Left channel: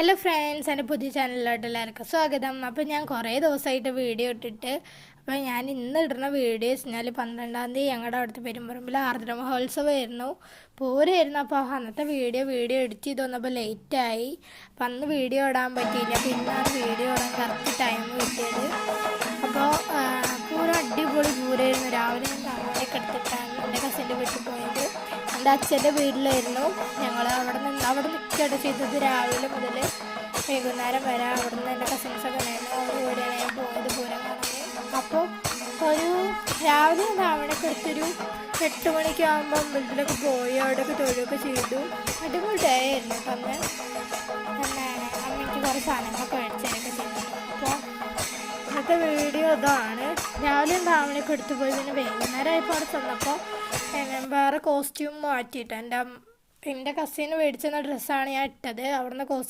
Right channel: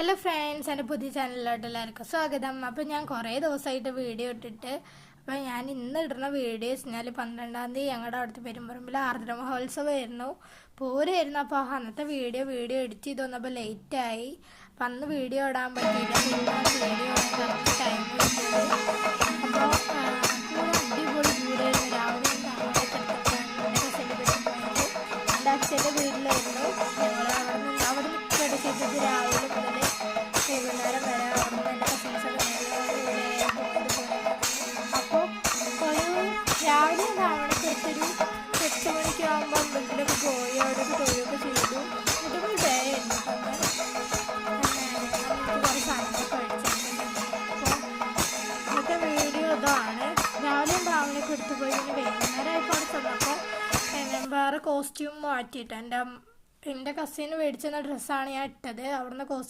Hello friends, എൻ്റെ പുതിയ ചാനലിലോട്ട് എല്ലാവർക്കും സ്വാഗതം. അപ്പോൾ ഞാൻ കുറേ ദിവസമായിട്ട് വീഡിയോ ഇട്ടിട്ട് അപ്പോൾ ഞാൻ ഇന്ന് ഇടുന്ന വീഡിയോ വെച്ചാൽ 12-ാം തീയതി ഞങ്ങളുടെ അവിടുത്തെ പെരുമ്പറമ്പിൽ ആർദ്ര മഹോത്സവമായിരുന്നു, പൂരമായിരുന്നു. അപ്പോൾ അന്നത്തെ വീഡിയോ എഡിറ്റ് ചെയ്ത് വന്നപ്പോൾ ലേറ്റായി. അപ്പം അന്ന് വീഡിയോ ഇടാൻ പറ്റിയില്ല. പിന്നാണ് വീഡിയോ ഇടാൻ കറക്റ്റ് ടൈം കിട്ടിയത്. അപ്പോൾ പൂരം അടിപൊളി പൂരമായിരുന്നു. രാവിലെ ഞാൻ കാണാനൊക്കെ എടുത്തിട്ടാണ് എൻ്റെ കസിൻ്റെ വീട്ടിൽ പോയത്. എൻ്റെ അച്ഛൻ്റെ വീട്ടിലായിരുന്നു. ഞങ്ങൾ അവിടെ നിൽക്കുകയൊക്കെ ചെയ്തത് രാവിലെ മുതൽ വൈകുന്നേരം വരെ. അവിടെ നിന്ന് എൻ്റെ കസിൻസൊക്കെ പോയത് പൂരം കാണാൻ. അപ്പോൾ ഒരു രാവിലെ രാവണൊക്കെ എടുത്തൊരു 8 മണിക്ക് ആകുമ്പോൾ അമ്പലത്തിലൊക്കെ പോയി അവിടെയൊക്കെ തൊഴിലൊക്കെ ചെയ്തു. അടിപൊളി ഡേ ആയിരുന്നു. അപ്പം അമ്മയ്ക്ക് കുറേ സാധനങ്ങളൊക്കെ മേടിച്ചൊക്കെ ചെയ്തു. അപ്പോൾ ഇന്നത്തെ വീഡിയോ ഇതാണ്. രാവിലെയും രാവിലെയൊക്കെ എടുത്തു പോയി. പിന്നെ വൈകുന്നേരം ആയപ്പോൾ അവിടെ ചെന്നപ്പോൾ വേറെ കോസ്റ്റ്യൂം മാറ്റിയിട്ട് എൻ്റെ കസിന് മേടിച്ചെന്ന ഡ്രസ്സാണ് ഞാൻ ഇട്ടത്. അവിടുന്ന് കോസ്റ്റ്യൂം